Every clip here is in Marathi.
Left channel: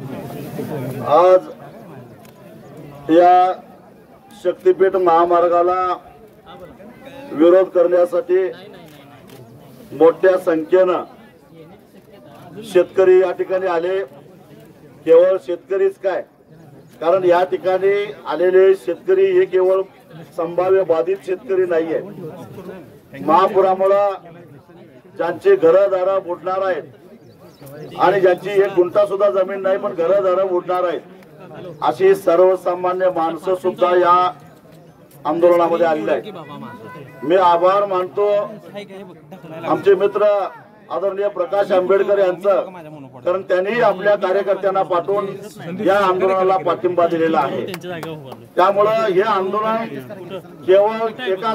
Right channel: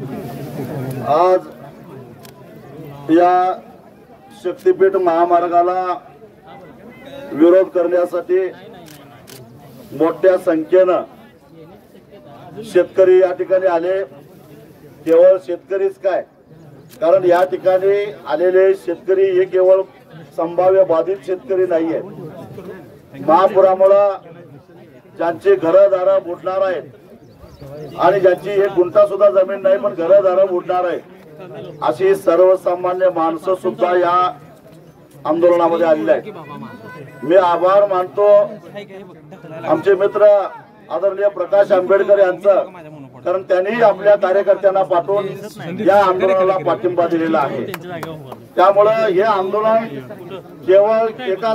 आज या शक्तीपीठ महामार्गाला विरोध करण्यासाठी मोठ्या संख्येनं शेतकरी या ठिकाणी आले। केवळ शेतकरीच काय, कारण या ठिकाणी आलेले शेतकरी हे केवळ संभाव्य बाधित शेतकरी नाहीये। महापुरामुळे ज्यांची घरदारं बुडणार आहेत आणि ज्यांची एक गुंठा सुद्धा जमीन नाही पण घरदारं बुडणार आहेत, अशी सर्वसामान्य माणसं सुद्धा या आंदोलनामध्ये आलेले आहेत। मी आभार मानतो आमचे मित्र आदरणीय प्रकाश आंबेडकर यांचं, कारण त्यांनी आपल्या कार्यकर्त्यांना पाठवून या आंदोलनाला पाठिंबा दिलेला आहे। त्यामुळे हे आंदोलन केवळ एका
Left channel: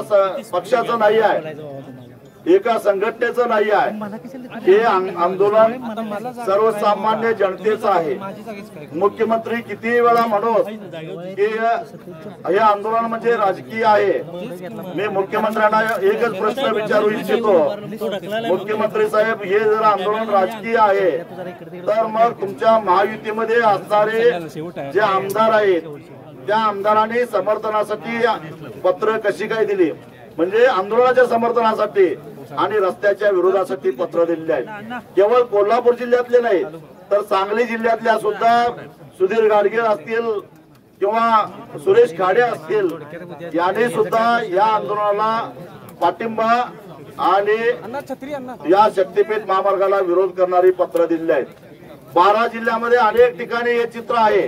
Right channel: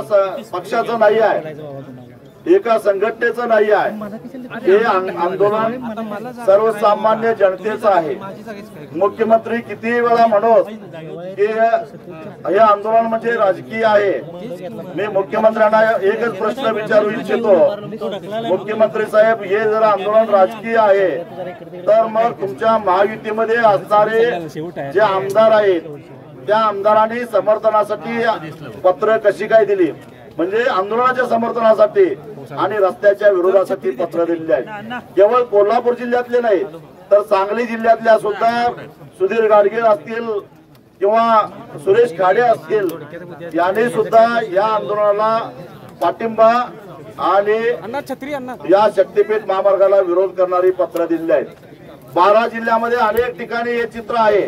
पक्षाचं नाही आहे, एका संघटनेचं नाही आहे, हे आंदोलन सर्वसामान्य जनतेचं आहे। मुख्यमंत्री किती वेळा म्हणत की हे आंदोलन म्हणजे राजकीय आहे। मी मुख्यमंत्र्यांना एकच प्रश्न विचारू इच्छितो, मुख्यमंत्री साहेब, हे जर आंदोलन राजकीय आहे तर मग तुमच्या महायुतीमध्ये असणारे जे आमदार आहेत त्या आमदारांनी समर्थनासाठी पत्र कशी काय दिली, म्हणजे आंदोलनाच्या समर्थनासाठी आणि रस्त्याच्या विरोधासाठी पत्र दिलेले आहेत। केवळ कोल्हापूर जिल्ह्यातले नाही तर सांगली जिल्ह्यातल्या सुद्धा सुधीर गाडगे असतील किंवा सुरेश खाडे असतील, यांनी सुद्धा या आंदोलनाला पाठिंबा आणि या शक्तीपीठ महामार्गाला विरोध करणारी पत्र दिलेली आहेत। 12 जिल्ह्यामध्ये अनेक ठिकाणी हे चित्र आहे।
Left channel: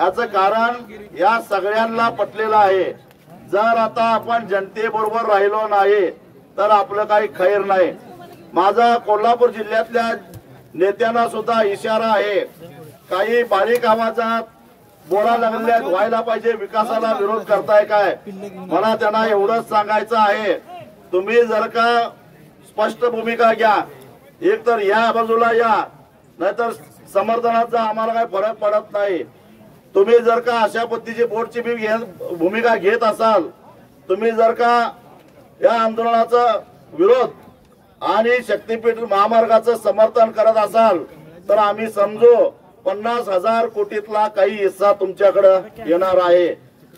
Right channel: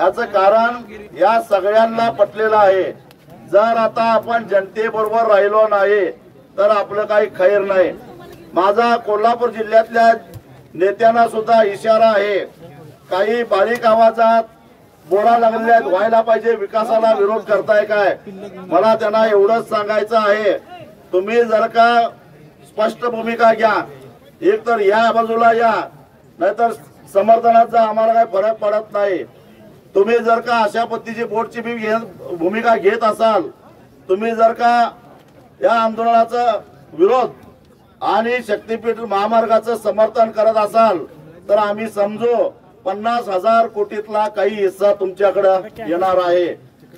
याचं कारण या सगळ्यांना पटलेलं आहे, जर आता आपण जनतेबरोबर राहिलो नाही तर आपलं काही खैर नाही। माझा कोल्हापूर जिल्ह्यातल्या नेत्यांना सुद्धा इशारा आहे, काही बारीक आवाजात बोला लागल्यात व्हायला पाहिजे, विकासाला विरोध करताय काय। मला त्यांना एवढंच सांगायचं आहे, तुम्ही जर का स्पष्ट भूमिका घ्या, एक तर या बाजूला या, नाहीतर समर्थनाचा आम्हाला काही फरक पडत नाही। तुम्ही जर का अशा पद्धतीची बोर्डची भूमिका घेत असाल, तुम्ही जर का या आंदोलनाचा विरोध आणि शक्तीपीठ महामार्गाचं समर्थन करत असाल तर आम्ही समजू 50,000 कोटीतला काही हिस्सा तुमच्याकडे येणार आहे।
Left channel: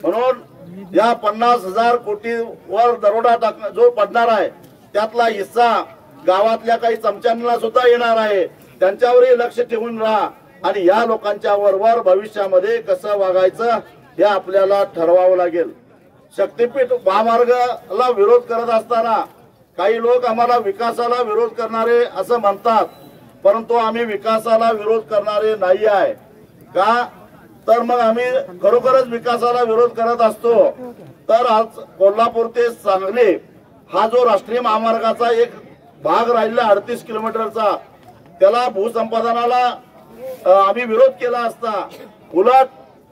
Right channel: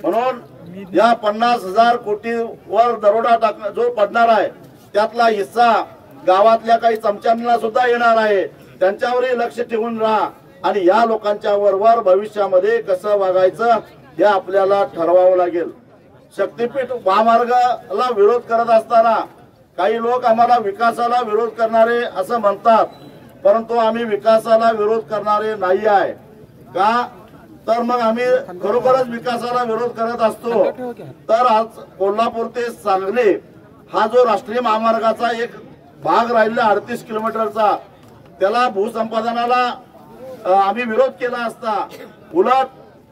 म्हणून या 50,000 कोटीवर दरोडा जो पडणार आहे त्यातला हिस्सा गावातल्या काही चमच्यांना सुद्धा येणार आहे। त्यांच्यावरही लक्ष ठेवून राहा आणि या लोकांच्या वर भविष्यामध्ये कसं वागायचं हे आपल्याला ठरवावं लागेल। शक्तीपीठ महामार्गाला विरोध करत असताना काही लोक आम्हाला विकासाला विरोध करणारे असं म्हणतात, परंतु आम्ही विकासाला विरोध करणारे नाही आहे का, तर मग आम्ही खरोखरच विकासाला विरोध करत असतो तर आज कोल्हापूर ते सांगली हा जो राष्ट्रीय महामार्गाचा एक भाग राहिला 38 किलोमीटरचा, त्याला भूसंपादनाला आम्ही विरोध केला असता, उलट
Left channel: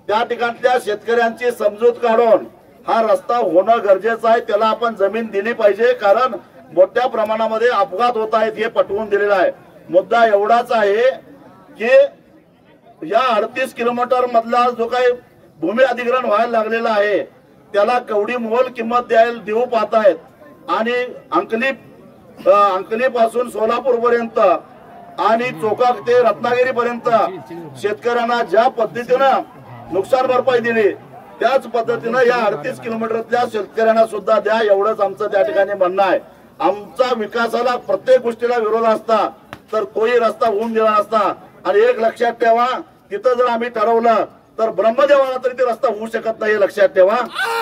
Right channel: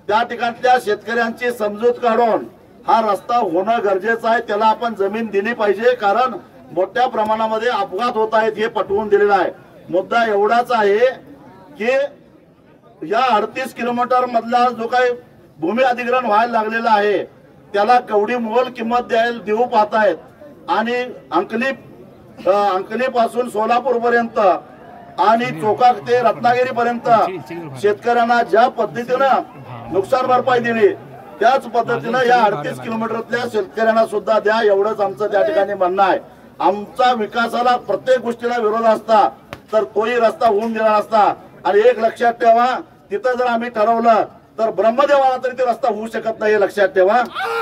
त्या ठिकाणच्या शेतकऱ्यांची समजूत काढून हा रस्ता होणं गरजेचं आहे, त्याला आपण जमीन दिली पाहिजे, कारण मोठ्या प्रमाणामध्ये अपघात होत आहेत हे पटवून दिलेलं आहे। मुद्दा एवढाच आहे की या 38 किलोमीटर मधला जो काही भूमी अधिग्रहण व्हायला लागलेला आहे त्याला कवडी मोल किंमत देऊ पाहतायत आणि अंकली पासून सोलापूर पर्यंत आणि चोका ते रत्नागिरी पर्यंत शेतकऱ्यांना ज्या पद्धतीनं नुकसान भरपाई दिली त्याच पद्धतीनं या 38 किलोमीटरच्या शेतकऱ्यांना सुद्धा द्या, एवढंच आमचं त्या ठिकाणी म्हणणं आहे। आमचा विकासाला प्रत्येक गोष्टीला विरोध असता तर तोही रस्ता होऊन दिला नसता। आणि एक लक्षात ठेवा, तिथं जर आम्ही ठरवलं तर ब्रह्मदेवाला तरी ते रस्ता होऊ शकत नाही, लक्षात ठेवा।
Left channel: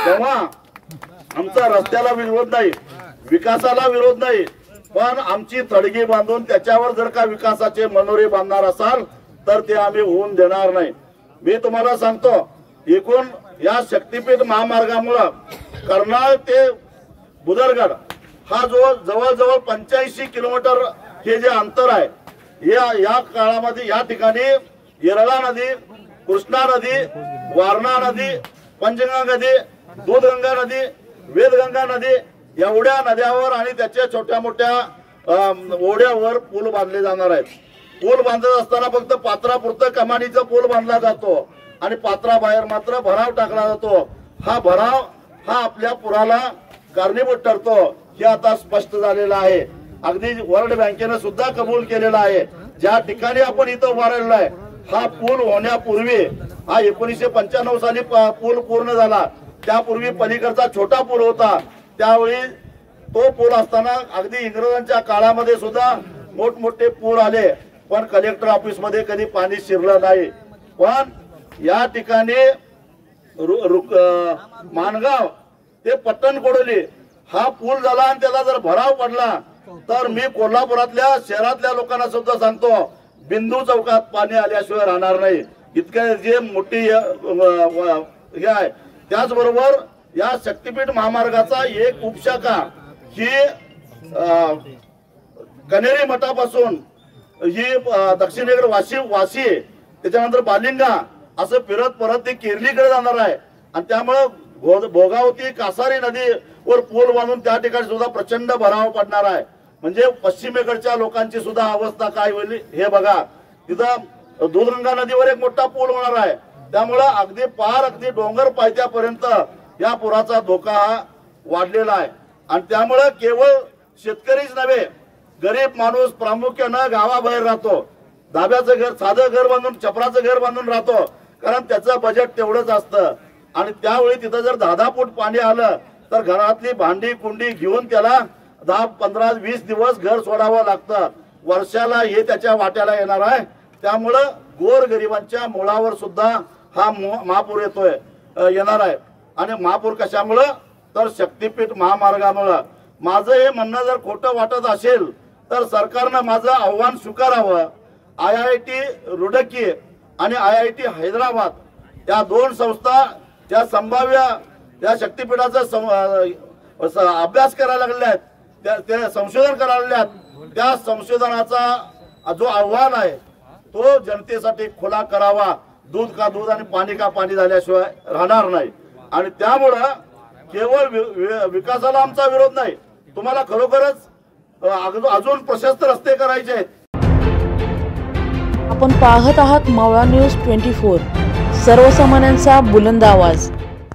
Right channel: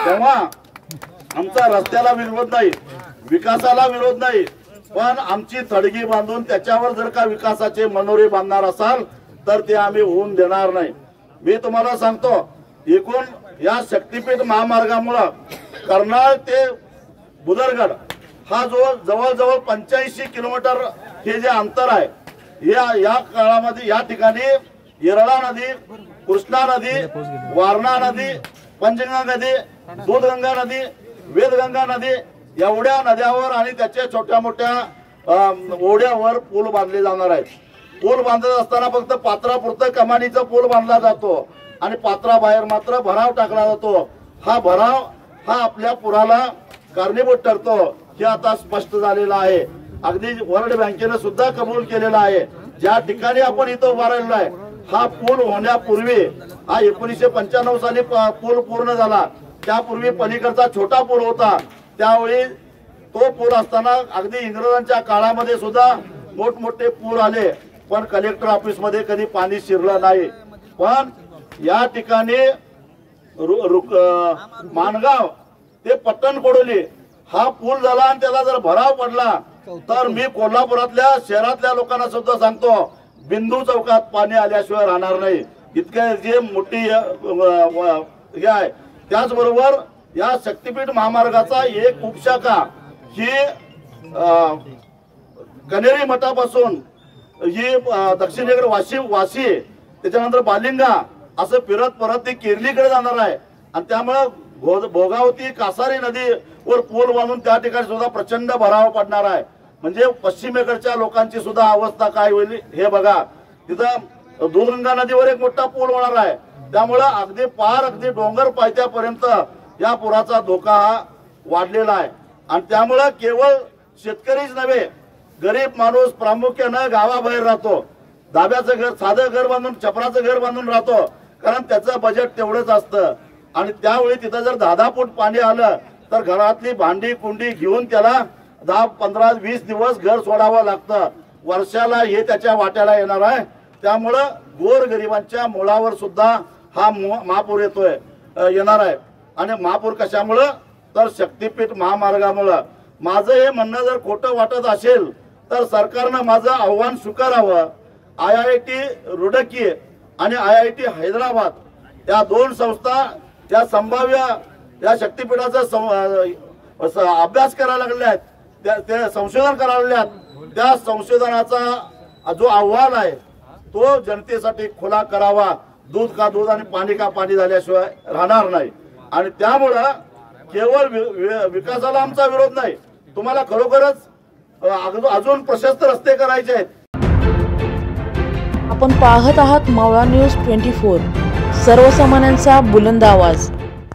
तेव्हा आमचा रस्त्याला विरोध नाही, विकासाला विरोध नाही, पण आमची थडगी बांधून त्याच्यावर जर का विकासाचे मनोरे बांधणार असाल तर ते आम्ही होऊन देणार नाही। मी तुम्हाला सांगतो, एकूण या शक्तीपीठ महामार्गामुळे कर्नाळ ते बुदरगड हा जो जवळजवळ 85 किलोमीटर हे जे अंतर आहे, या काळामध्ये या ठिकाणी येरळा नदी, कृष्णा नदी, वारणा नदी, पंचगंगा नदी, दूधगंगा नदी, वेदगंगा नदी एवढ्या नद्यावर आणि त्याच्या छोट्या मोठ्या ओढ्यावर पूल बांधले जाणार आहेत। पूल बांधत असताना फक्त पात्रापुरतं कमानीचा पूल बांधला जातो आणि पात्राबाहेर मात्र भराव टाकला जातो। हा भराव हा आपल्या पुराला कारणीभूत ठरतो हे आता स्पष्ट झालेलं आहे। अगदी वर्ल्ड बँकेने सुद्धा कबूल केलेला आहे। ज्या ठिकाणी आपण इथं उभा राहिलो आहे हा पूल होण्यापूर्वी हा 1995 साली पूल पूर्ण झाला। त्यापूर्वी पलीकडचा छोटा पूल होता, त्यावेळी तो पूल असताना अगदी इंग्रजांच्या काळामध्ये सुद्धा मोठमोठे पूल आले, पण कलेक्टर ऑफिस मध्ये कधी पाणी शिरलं नाही। पण या ठिकाणी माणगाव ते पट्टणकोडोली हा पूल झाला आणि त्याला जर भराव पडला तर मी कोल्हापुरातल्या शहरातल्या लोकांना सुद्धा सांगतो, बिंदू चौकात पाणी आल्याशिवाय राहणार नाही। इतकं जे मोठी हे आहे। त्याचबरोबर या शक्तीपीठ महामार्गाचा एक उपशाखा ही कनेरी मठापासून ही दक्षिणेकडे वाशी त्याच्यानंतर बालिंगा असं फिरत परत ती केरलीकडे जाणार आहे। आणि त्यामुळे भोगावती कासारी नदीवर पूल बांधून त्या ठिकाणी सुद्धा प्रचंड भराव पडणार आहे। म्हणजे पश्चिमेकडच्या लोकांची सुद्धा अवस्था काय होईल हे बघा। तिथं दूधगंगा नदीवर एक मोठा पूल होणार आहे, त्यामुळे अगदी डोंगर पायथ्यापर्यंत या पुराचा धोका हा वाढलेला आहे। आणि त्यामुळे केवळ शेतकरीच नव्हे, गरीब माणूस प्रामुख्यानं गावाबाहेर राहतो, धाब्याचं घर साधं घर बांधून छपराचं घर बांधून राहतो, कारण त्याचं बजेट तेवढंच असतं। आणि त्यावेळी तिथं जर 10 फूट पाणी आलं तर घरातली भांडी कुंडी घेऊन त्याला 10, 15, 20 दिवस घर सोडावं लागतं। वर्षाला हे त्याच्या वाट्याला येणार आहे। त्यामुळं गोरगरिबांच्या मुळावर सुद्धा हा महापूर येणार आहे। आणि महापूर कशामुळं तर शक्तीपीठ महामार्गामुळं। माझं हे म्हणणं जर खोटं वाटत असेल तर सरकारनं माझं आव्हान स्वीकारावं। IIT रुडकी आणि IIT हैदराबाद या दोन संस्था या संभाव्य या शक्तीपीठाचा अभ्यास करायला लागल्या आहेत, त्या संशोधन करायला लागल्या आहेत। त्या संशोधनाचा जो अहवाल आहे तो जनतेसाठी खुला करावा। दूध का दूध आणि पाणी का पाणी झाल्याशिवाय राहणार नाही। आणि त्यामुळं केवळ विकासाला आमचा विरोध नाही, तुम्हाला खरोखरच अजून प्रशस्त रस्ते करायचे आहेत। आपण पाहत आहात मावळा न्यूज 24, सर्वसामान्यांचा बुलंद आवाज।